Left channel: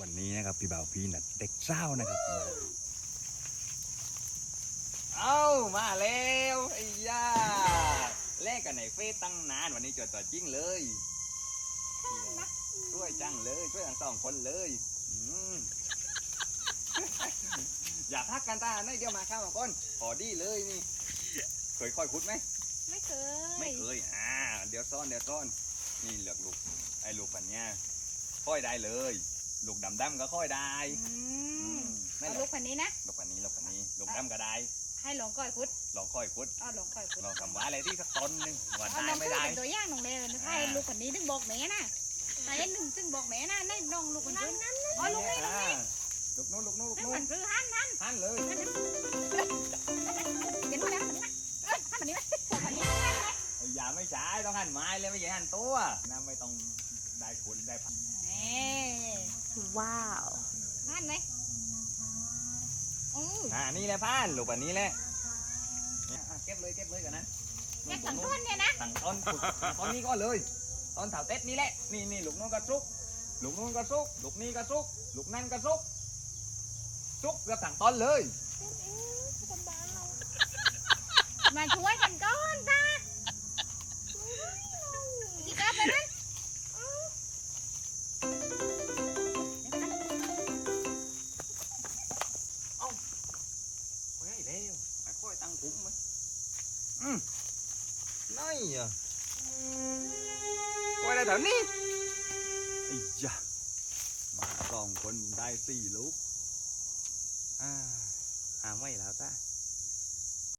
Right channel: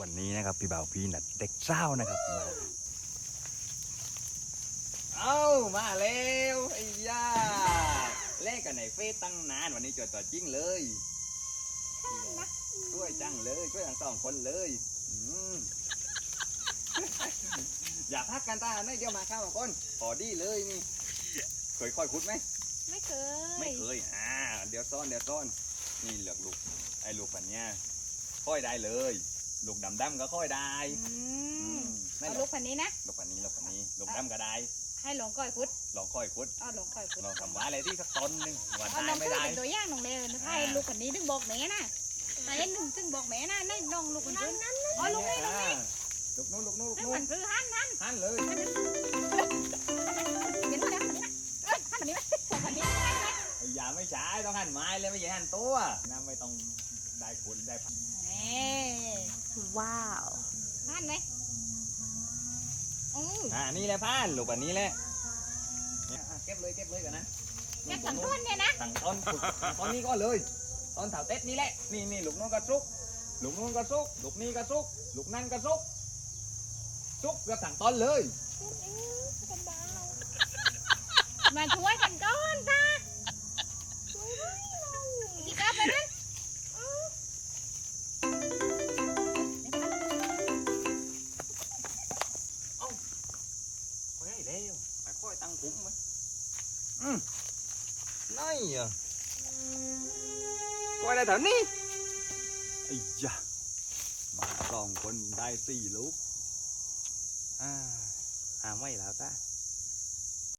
วันนี้นะครับพี่บ่าวพี่นัดเด็กเศร้านะครับมาเอ้ามาแล้วไอ้ย่าแลกกันในเฟซตั้งนานวันนี้จดตัวจริงเลยช่วยจังเลยช่วยกันสองคนเลยอืมอย่าพักกันตาไม่เดี๋ยวมาข้าวมาก้นพอดีเลยนี่ เคยค่อยคุดไหม ไม่เคย ไม่เคย อ่า เดี๋ยวซ่อนเดี๋ยวซ่อน นี่เหลือกลูกไอ้ลูกปันเนี้ยค่อยได้เลย ลูกดำดำๆก็ค่อยได้อือืมมไม่เอาหรลูอกกพันนี้นะ ลูกปันนี้ลูกปันนี้ลูกดำก็ได้ ให้หลงก้อยคุดลองค่อยคุดเอาหลงก้อยคุดลองทำว่าอะไรที่สักต้นหนึงว่าเอาได้น้องไม่ซื้อได้ เป็นตัวอย่างน้องเลยนะให้ลูกพันนี้ถึงบอกแม่นะถ้าเห็นหนึ่งถึงบอกแม่นะในน้องลูกคนอื่นอ๋อลูกนี่ลูกอ่าลูกนู้นลูกนู้นลูกนี่นู้มันนซื้อหันหันหันเลยเห็นไหมแล้วพันนี้นะพันนี้นะพันนี้นะไอ้อย่าไม่ใช่ต้องหันไม้เลยไม่ใช่หันตัวน้ำไม่ต้องได้คุดได้ผักเอ้ ว้าวหันไหมอืออ่านี่แหละพานลูกปันนี้แหละเนี่ยอะเก็บเลยเก็บเลยกันนะแค่สังต้นเนี่ยนะสั่งต้นฝึกตอนนี้ก็เลย ตอนเถาเต็ดนี่แหละนี่นี่ลูกนู้นก็ซุกลูกนู้นก็ซุกลูกนี้ก็ซุกลูกนั่นก็ซุกซุกเกือบสั่งต้นเลย มาช่วย แล้วไปค่อยตั้งคุ้มไหมอืมนี่อะก็ได้แถวนี้ไอ้ยะมาสองคนได้สี่ลูกอ่าหาไม่แล้วจ้า